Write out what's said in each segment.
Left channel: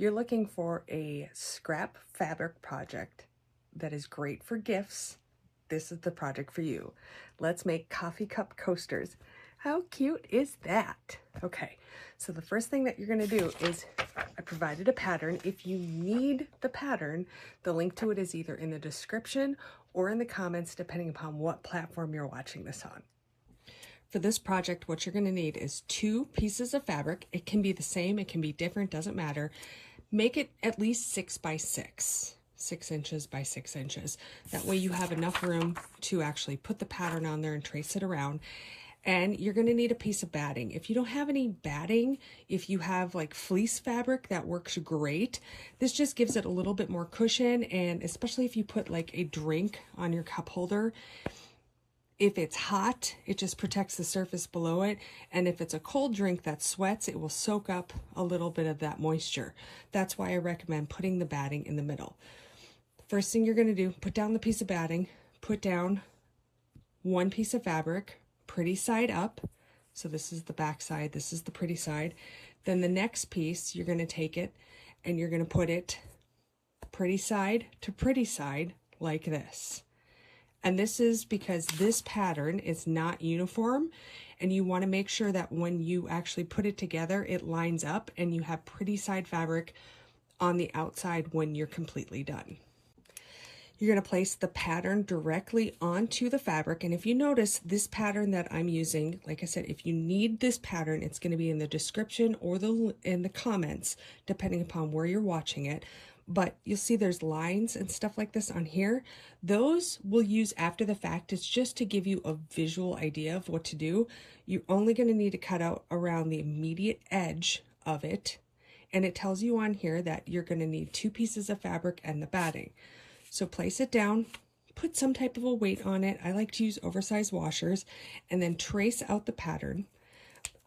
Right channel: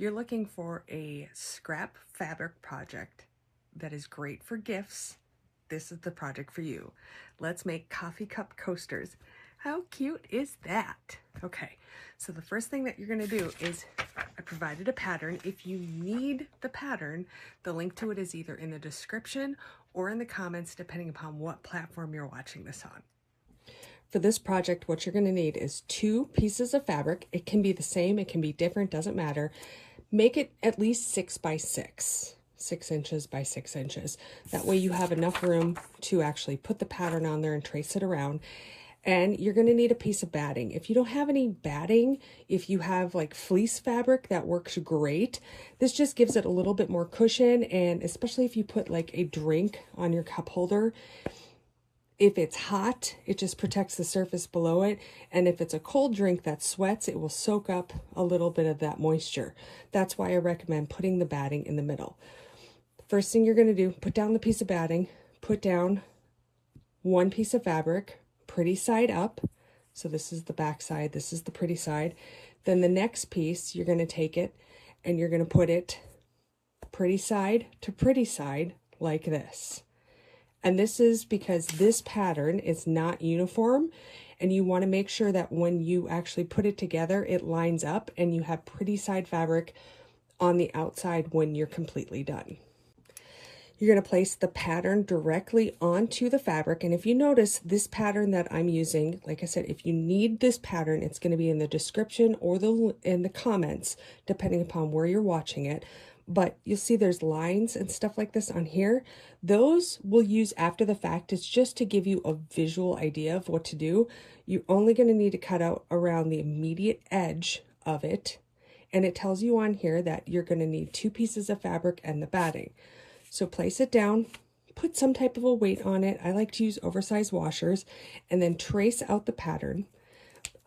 you're looking for a scrap fabric project that is great for gifts, this is the project for you. Let's make coffee cup coasters. How cute is that? Okay, so the first thing that you're going to do is I provided a pattern. If you need the pattern, the link to it is either in the description or in the comments, depending upon what platform you're watching this on. For this project, what you're going to need is 2 pieces of fabric. It can be the same, it can be different, doesn't matter. Make it at least 6 by 6. 6 inches by 6 inches. That way you have enough room to actually put the pattern on there and trace it around. And you're going to need a piece of batting. If you don't have any batting, if you have like fleece fabric, that works great. This just gives it a little bit more cushion, and especially if you put like a drink on your cup holder, if it's hot, it just protects the surface below it. And if it's a cold drink that sweats, it will soak up a little bit of that moisture. That's why I recommend putting the batting in the middle. First thing you're going to do, put down the piece of batting, put down 1 piece of fabric, pretty side up. So this is the back side, this is the pretty side. Then the next piece, you're going to take it and you're going to put it pretty side to pretty side like this. And this is because this pattern is not uniform, and you want to make sure that when you actually put it together, it lines up and you have pretty side fabric on the outside when you're completely done. You're going to place the pattern directly onto the fabric. And if you notice this pattern that I'm using, like I said, if you need this pattern, it's going to be in the description or in the comments, depending upon where you're watching it. But you'll see there's lines and stuff like this on here. Those we'll use after the fact. It's just to give you a visual idea of what to do. You're only going to need to cut out around the immediate edge of it. And it tells you on here that you're going to need 2 pieces of fabric and the batting. So place it down, put some type of a weight on it. I like to use oversized washers, and then trace out the pattern.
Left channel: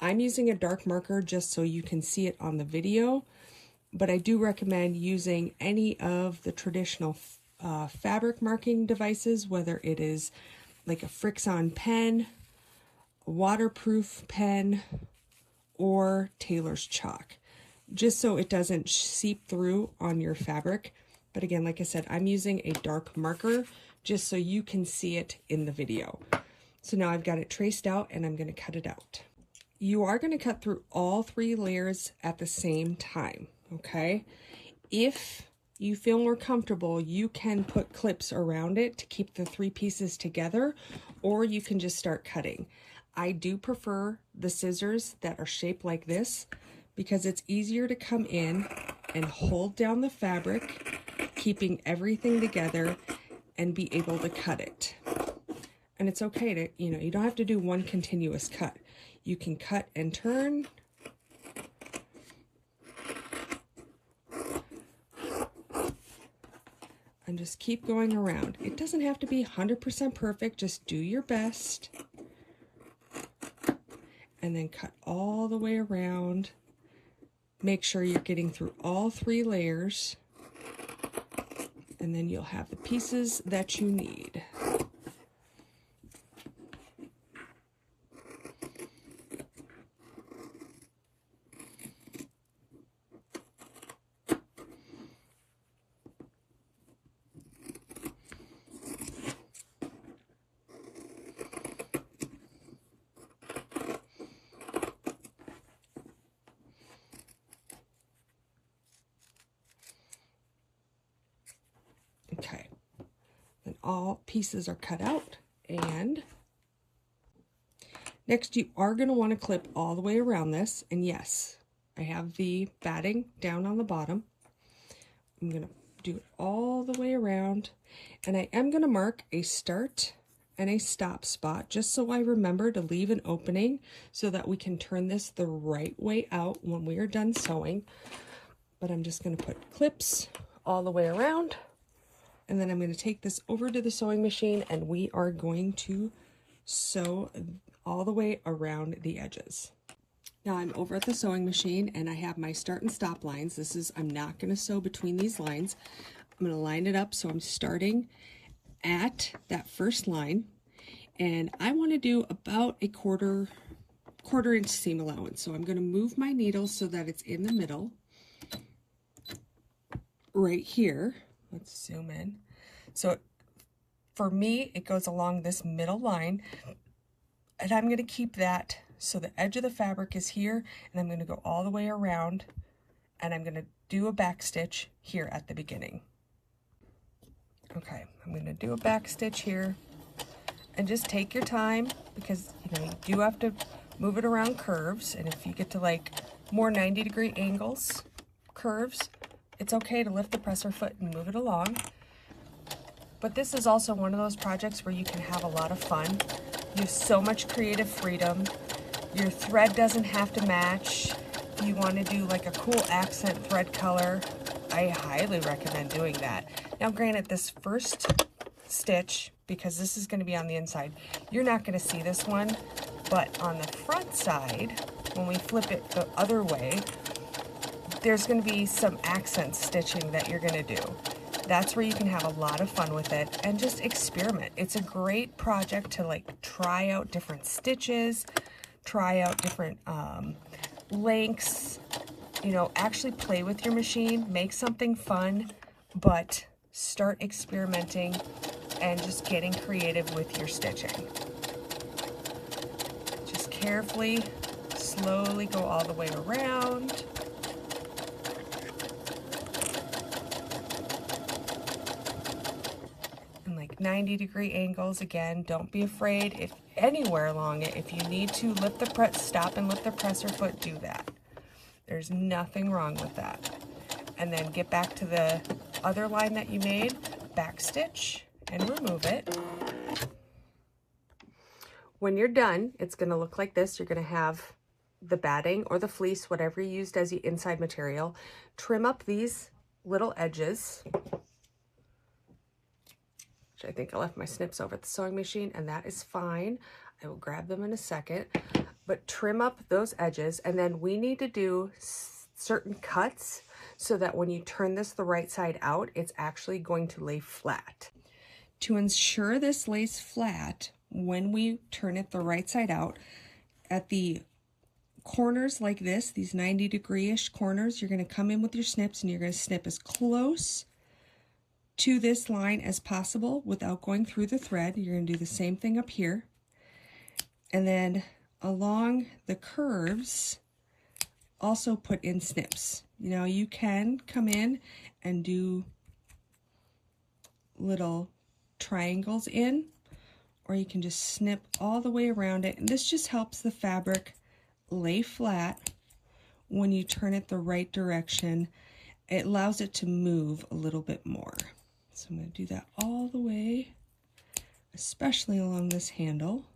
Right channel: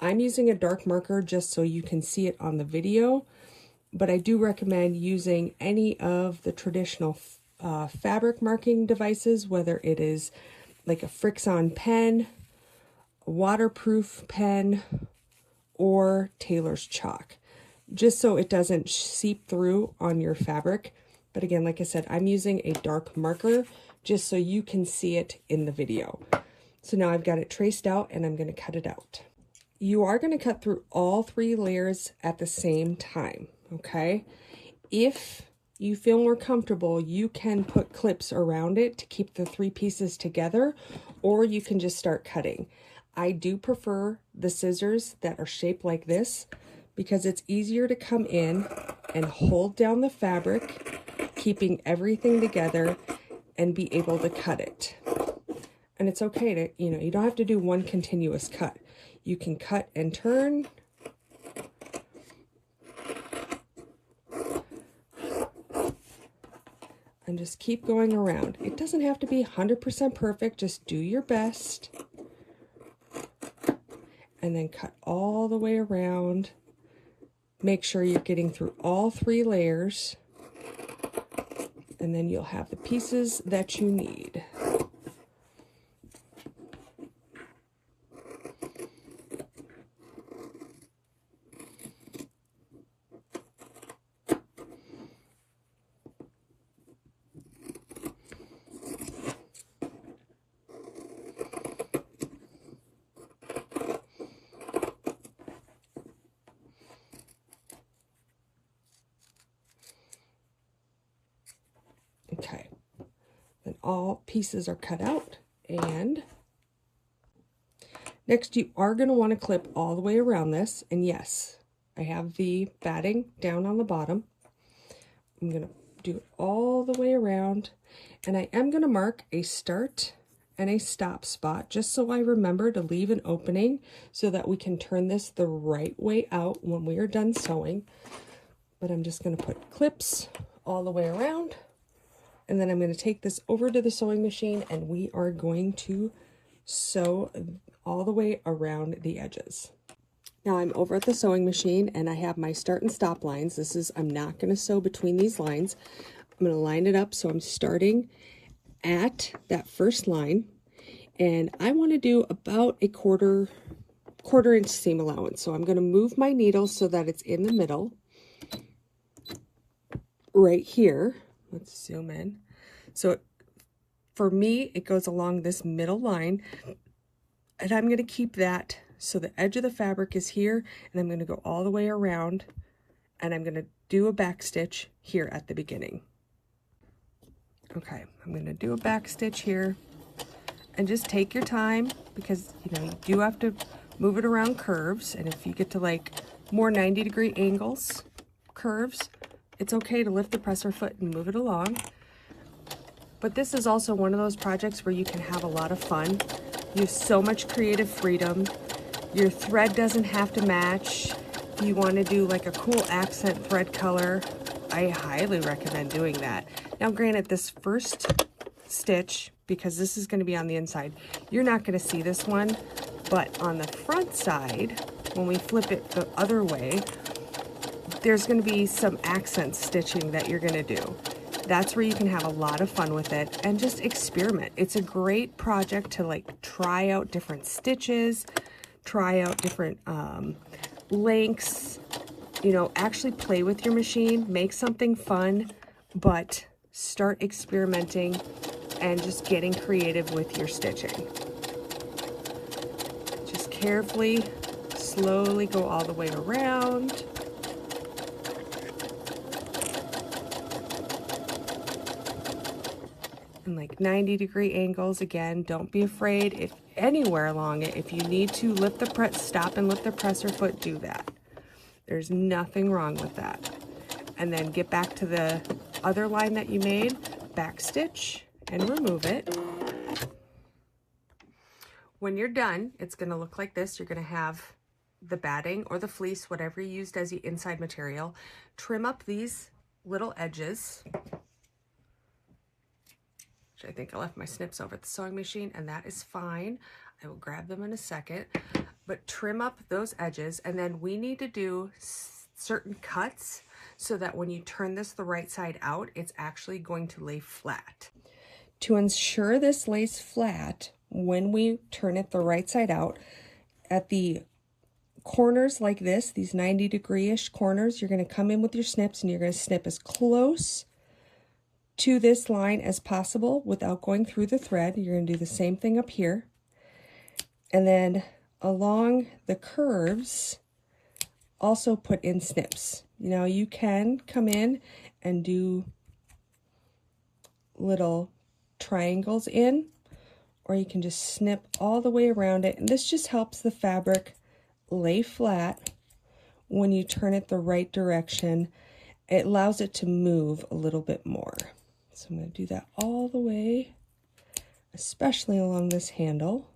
I'm using a dark marker just so you can see it on the video, but I do recommend using any of the traditional fabric marking devices, whether it is like a Frixion pen, a waterproof pen, or Taylor's chalk, just so it doesn't seep through on your fabric. But again, like I said, I'm using a dark marker just so you can see it in the video. So now I've got it traced out and I'm going to cut it out. You are going to cut through all 3 layers at the same time, okay? If you feel more comfortable, you can put clips around it to keep the 3 pieces together, or you can just start cutting. I do prefer the scissors that are shaped like this because it's easier to come in and hold down the fabric, keeping everything together, and be able to cut it. And it's okay to, you don't have to do one continuous cut. You can cut and turn. And just keep going around. It doesn't have to be 100% perfect, just do your best. And then cut all the way around. Make sure you're getting through all 3 layers. And then you'll have the pieces that you need. Okay, then all pieces are cut out, and next you are going to want to clip all the way around this. And yes, I have the batting down on the bottom. I'm going to do it all the way around, and I am going to mark a start and a stop spot just so I remember to leave an opening so that we can turn this the right way out when we are done sewing. But I'm just going to put clips all the way around. And then I'm going to take this over to the sewing machine and we are going to sew all the way around the edges. Now I'm over at the sewing machine and I have my start and stop lines. I'm not going to sew between these lines. I'm going to line it up so I'm starting at that first line, and I want to do about a quarter inch seam allowance. So I'm going to move my needle so that it's in the middle. right here. Let's zoom in. So for me, it goes along this middle line, and I'm going to keep that so the edge of the fabric is here, and I'm going to go all the way around, and I'm going to do a back stitch here at the beginning. Okay, I'm going to do a back stitch here, and just take your time, because you know you do have to move it around curves, and if you get to like more 90-degree angles, curves, it's okay to lift the presser foot and move it along. But this is also one of those projects where you can have a lot of fun. You have so much creative freedom. Your thread doesn't have to match. If you want to do like a cool accent thread color, I highly recommend doing that. Now granted, this first stitch, because this is going to be on the inside, you're not going to see this one, but on the front side, when we flip it the other way, there's going to be some accent stitching that you're going to do. That's where you can have a lot of fun with it and just experiment. It's a great project to like try out different stitches, try out different lengths, you know, actually play with your machine, make something fun, but start experimenting and just getting creative with your stitching. Just carefully, slowly go all the way around. And like 90-degree angles. Again, don't be afraid. If anywhere along it, if you need to lift the press, stop and lift the presser foot, do that. There's nothing wrong with that. And then get back to the other line that you made, back stitch and remove it. When you're done, it's going to look like this. You're going to have the batting or the fleece, whatever you used as the inside material. Trim up these little edges. I think I left my snips over at the sewing machine, and that is fine. I will grab them in a second, but trim up those edges, and then we need to do certain cuts so that when you turn this the right side out, it's actually going to lay flat. To ensure this lays flat, when we turn it the right side out, at the corners like this, these 90-degree-ish corners, you're going to come in with your snips, and you're going to snip as close to this line as possible without going through the thread. You're going to do the same thing up here. And then along the curves, also put in snips. You know, you can come in and do little triangles in, or you can just snip all the way around it. And this just helps the fabric lay flat when you turn it the right direction. It allows it to move a little bit more. So I'm going to do that all the way, especially along this handle.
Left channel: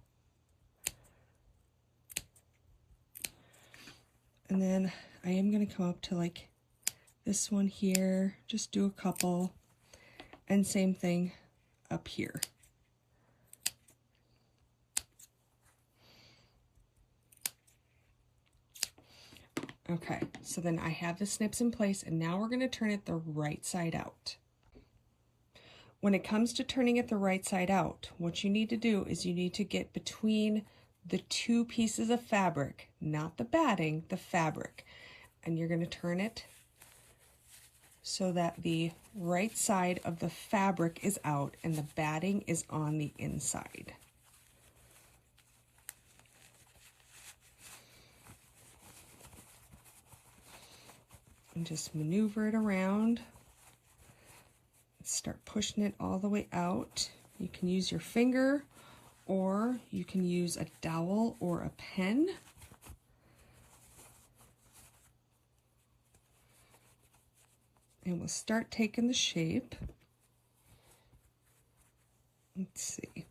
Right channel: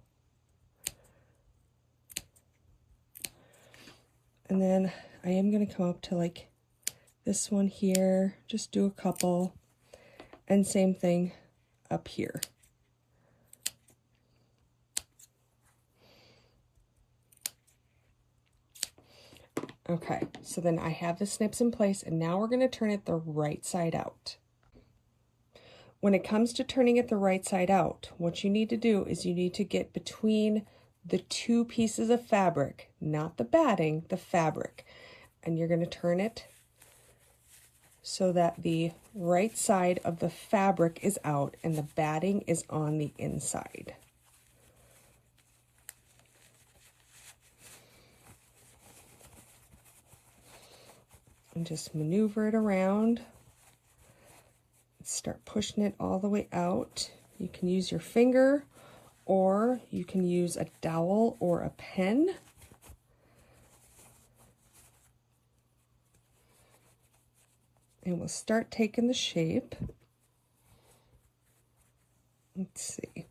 And then I am going to come up to like this one here, just do a couple, and same thing up here. Okay, so then I have the snips in place, and now we're going to turn it the right side out. When it comes to turning it the right side out, what you need to do is you need to get between the two pieces of fabric, not the batting, the fabric. And you're going to turn it so that the right side of the fabric is out and the batting is on the inside. And just maneuver it around. Start pushing it all the way out. You can use your finger, or you can use a dowel or a pen. And we'll start taking the shape. Let's see.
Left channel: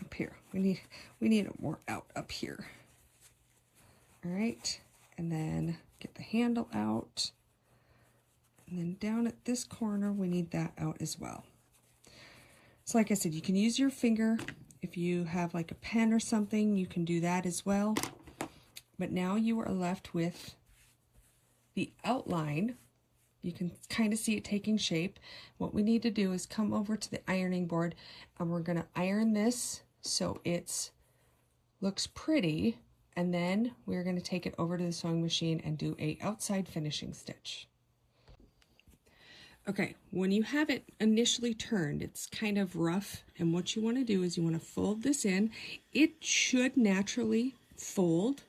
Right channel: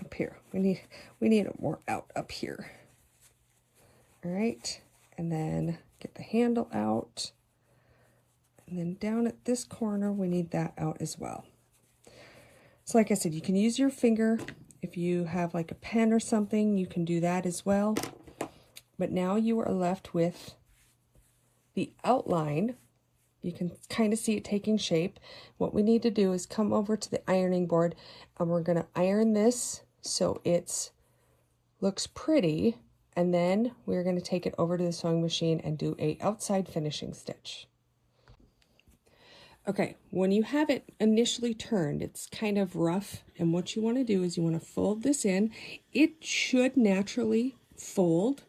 Up here. We need it more out up here. All right. And then get the handle out. And then down at this corner, we need that out as well. So like I said, you can use your finger. If you have like a pen or something, you can do that as well. But now you are left with the outline. You can kind of see it taking shape. What we need to do is come over to the ironing board, and we're going to iron this so it looks pretty. And then we're going to take it over to the sewing machine and do a outside finishing stitch. Okay, when you have it initially turned, it's kind of rough, and what you want to do is you want to fold this in. It should naturally fold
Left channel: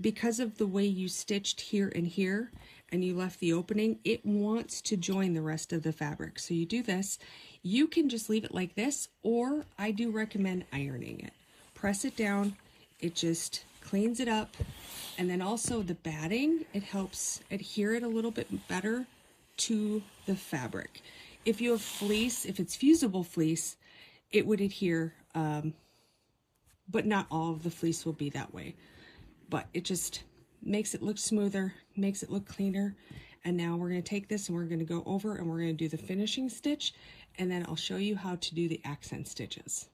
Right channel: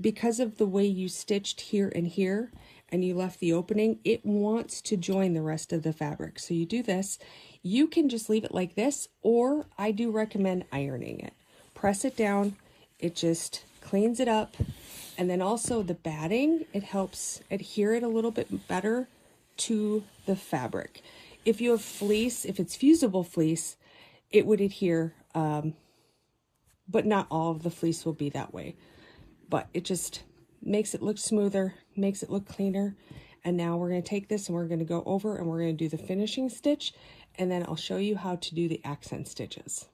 because of the way you stitched here and here and you left the opening. It wants to join the rest of the fabric. So you do this. You can just leave it like this, or I do recommend ironing it. Press it down, it just cleans it up. And then also the batting, it helps adhere it a little bit better to the fabric. If you have fleece, if it's fusible fleece, it would adhere, but not all of the fleece will be that way. But it just makes it look smoother, makes it look cleaner. And now we're going to take this and we're going to go over and we're going to do the finishing stitch, and then I'll show you how to do the accent stitches.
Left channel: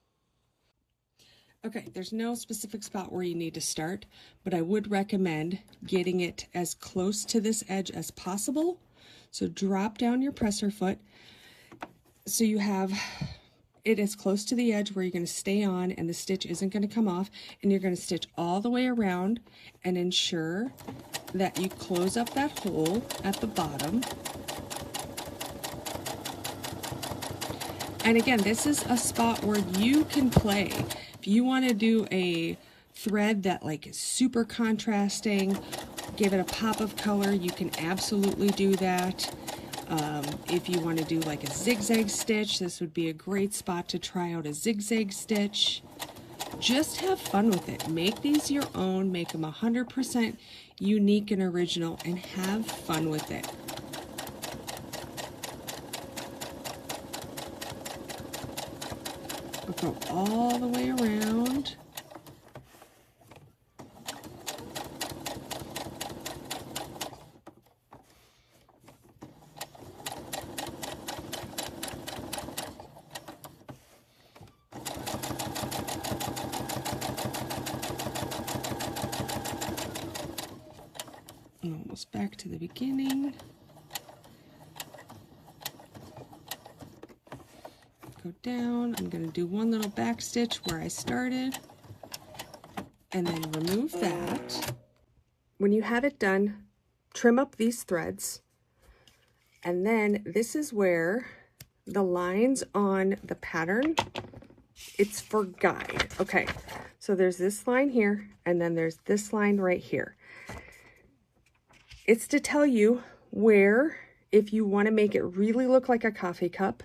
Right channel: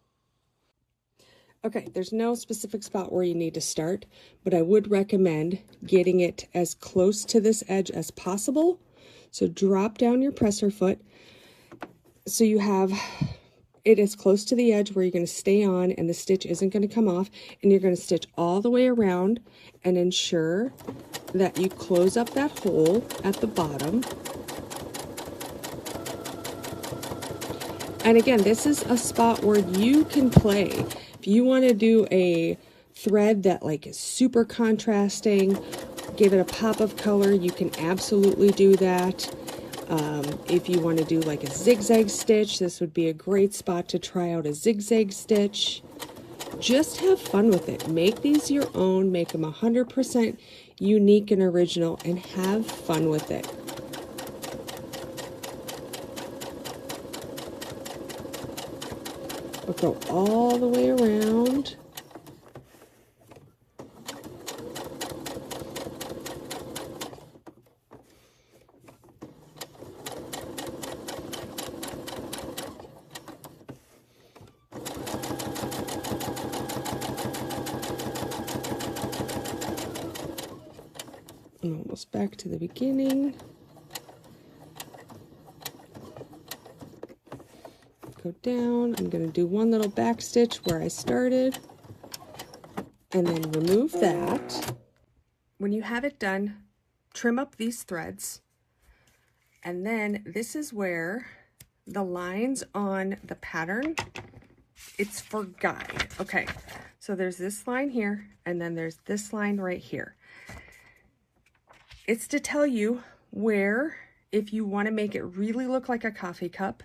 Okay, there's no specific spot where you need to start, but I would recommend getting it as close to this edge as possible. So drop down your presser foot so you have it as close to the edge where you're going to stay on and the stitch isn't going to come off, and you're going to stitch all the way around and ensure that you close up that hole at the bottom. And again, this is a spot where you can play. If you want to do a thread that like is super contrasting, give it a pop of color, you can absolutely do that. If you want to do like a zigzag stitch, this would be a great spot to try out a zigzag stitch. Just have fun with it. Make these your own, make them 100% unique and original, and have fun with it. We'll go all the way around. And almost back to the beginning. Go down. I'm going to do one little back stitch where I started and then remove that. When you have it done, trim up these threads, and then this is where the lines on the pattern, it's for guide. Okay, so there's this line here, and then there's this line right here. It's to tell you where, if you want to make it really look like a coffee cup,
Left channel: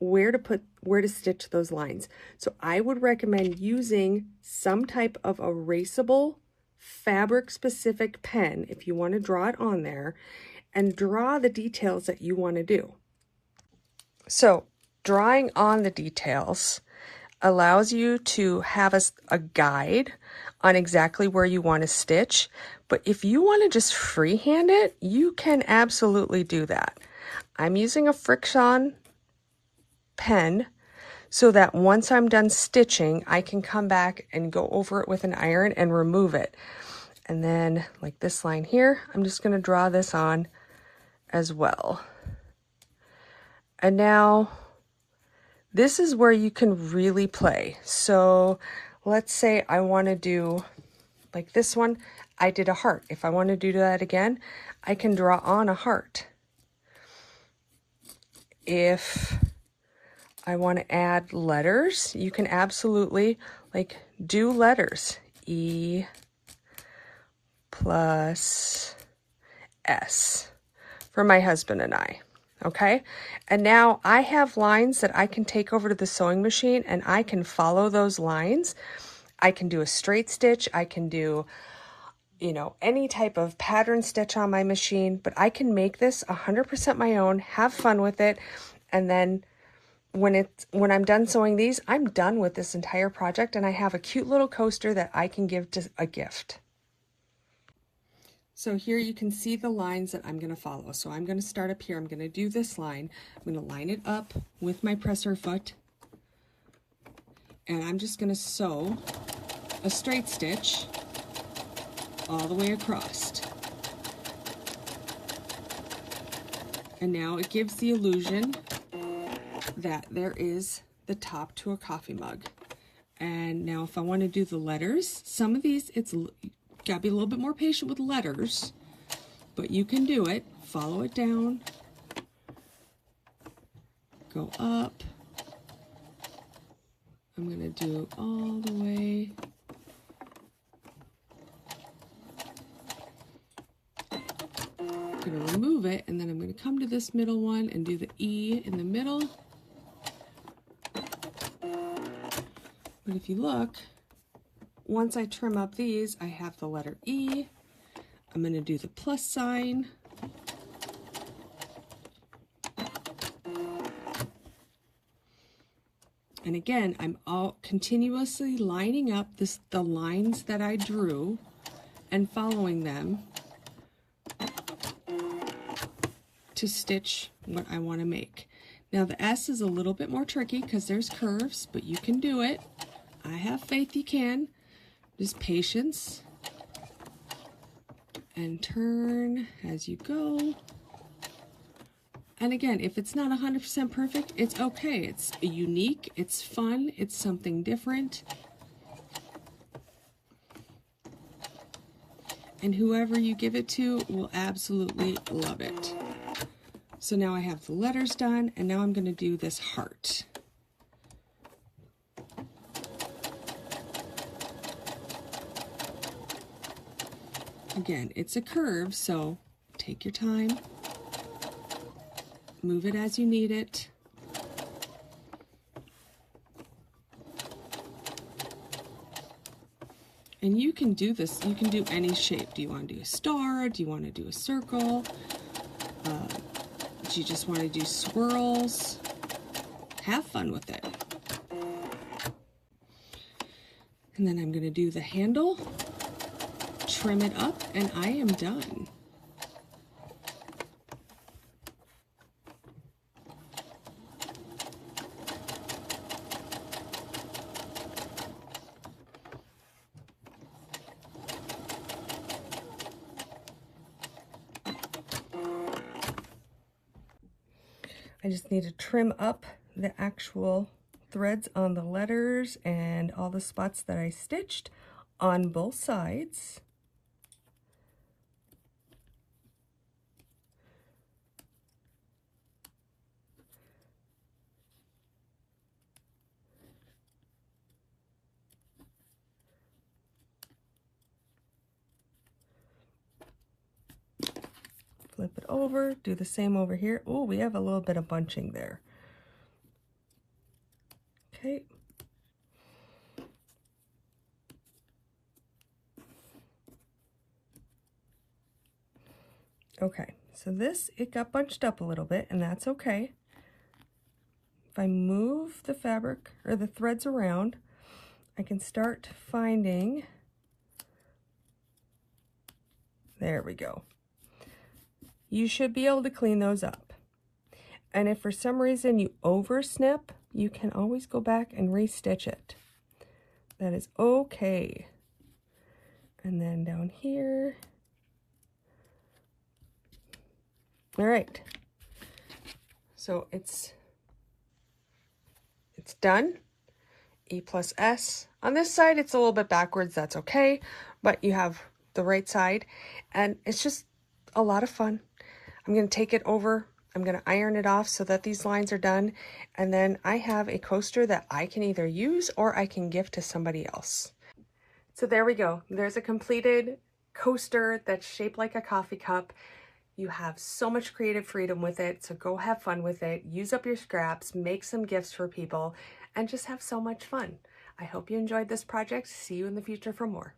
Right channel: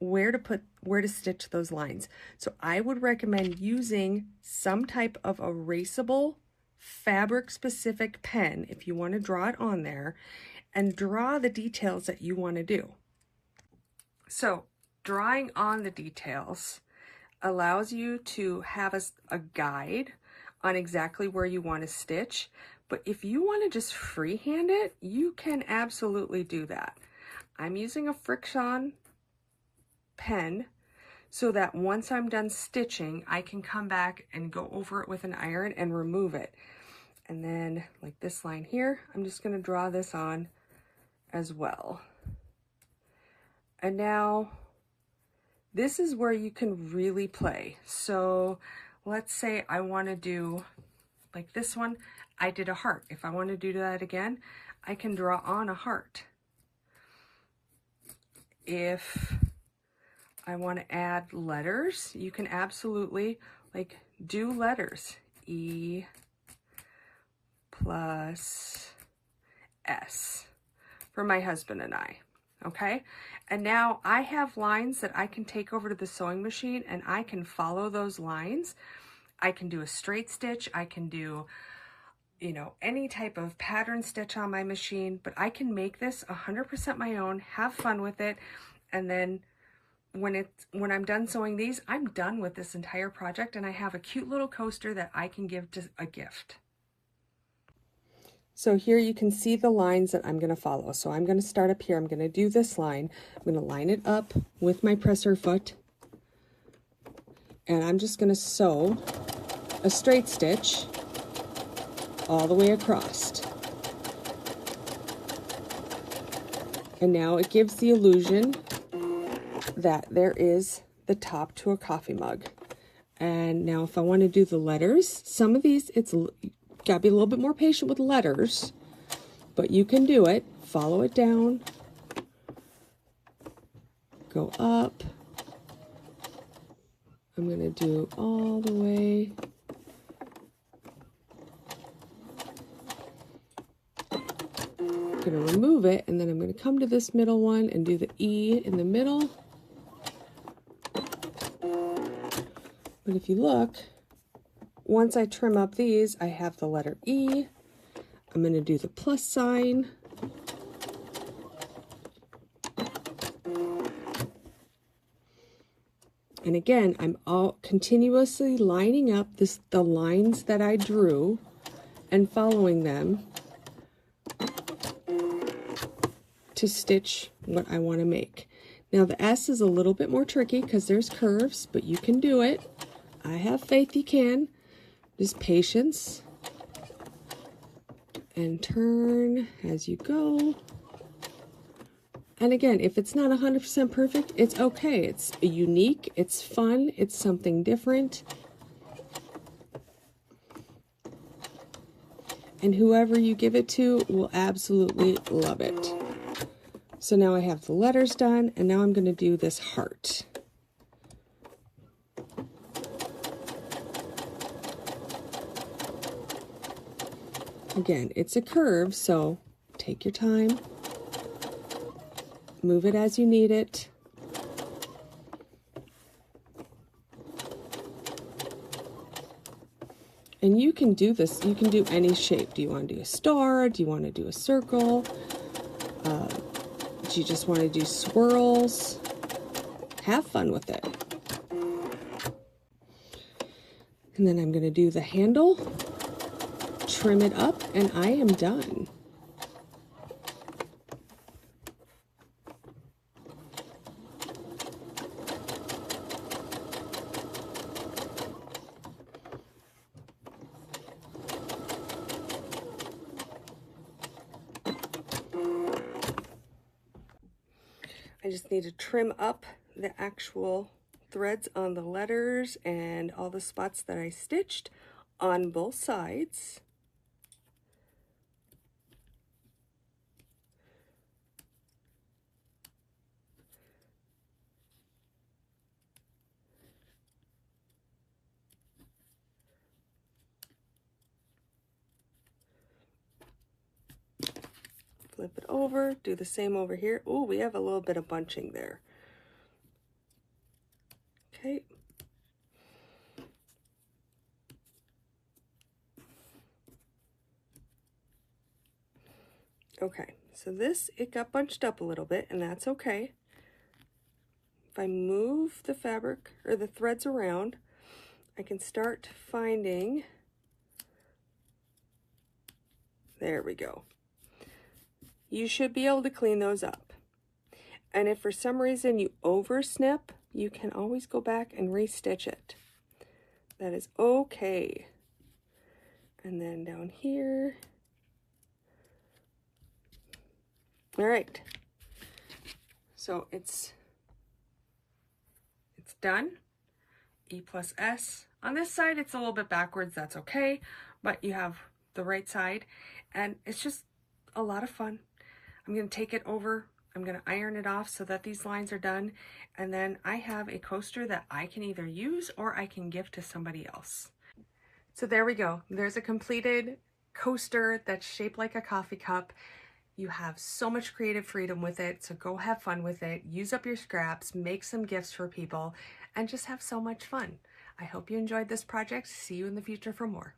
where to stitch those lines. So I would recommend using some type of erasable fabric specific pen if you want to draw it on there and draw the details that you want to do. So drawing on the details allows you to have a guide on exactly where you want to stitch. But if you want to just freehand it, you can absolutely do that. I'm using a Friction pen so that once I'm done stitching, I can come back and go over it with an iron and remove it. And then like this line here, I'm just going to draw this on as well. And now this is where you can really play. So let's say I want to do like this one. I did a heart. If I want to do that again, I can draw on a heart. If I want to add letters, you can absolutely like do letters. E plus S for my husband and I. Okay, and now I have lines that I can take over to the sewing machine and I can follow those lines. I can do a straight stitch, I can do, you know, any type of pattern stitch on my machine, but I can make this 100% my own, have fun with it, and then when I'm done sewing these, I'm done with this entire project, and I have a cute little coaster that I can give to a gift. So here you can see the lines that I'm going to follow. So I'm going to start up here. I'm going to do this line. I'm going to line it up with my presser foot. And I'm just going to sew a straight stitch all the way across. And now it gives the illusion that there is the top to a coffee mug. And now if I want to do the letters, some of these, it's got to be a little bit more patient with letters, but you can do it. Follow it down. go up. I'm going to do all the way. I'm going to remove it, and then I'm going to come to this middle one and do the E in the middle. But if you look, once I trim up these, I have the letter E. I'm going to do the plus sign. And again, I'm all continuously lining up the lines that I drew and following them to stitch what I want to make. Now the S is a little bit more tricky because there's curves, but you can do it. I have faith you can. Just patience. And turn as you go. And again, if it's not 100% perfect, it's okay. It's unique, it's fun, it's something different. And whoever you give it to will absolutely love it. So now I have the letters done, and now I'm going to do this heart. Again, it's a curve, so take your time. Move it as you need it. And you can do this, you can do any shape. Do you want to do a star? Do you want to do a circle? Do you just want to do swirls? Have fun with it. And then I'm going to do the handle, trim it up, and I am done. I just need to trim up the actual threads on the letters and all the spots that I stitched on both sides. Flip it over, do the same over here. Oh, we have a little bit of bunching there. Okay. Okay, so this, it got bunched up a little bit, and that's okay. If I move the fabric or the threads around, I can start finding, there we go. You should be able to clean those up. And if for some reason you over snip, you can always go back and restitch it. That is okay. And then down here. All right. So it's done. E plus S. On this side, it's a little bit backwards. That's okay. But you have the right side. And it's just a lot of fun. I'm going to take it over. I'm going to iron it off so that these lines are done. And then I have a coaster that I can either use or I can give to somebody else. So there we go. There's a completed coaster that's shaped like a coffee cup. You have so much creative freedom with it. So go have fun with it. Use up your scraps, make some gifts for people, and just have so much fun. I hope you enjoyed this project. See you in the future for more.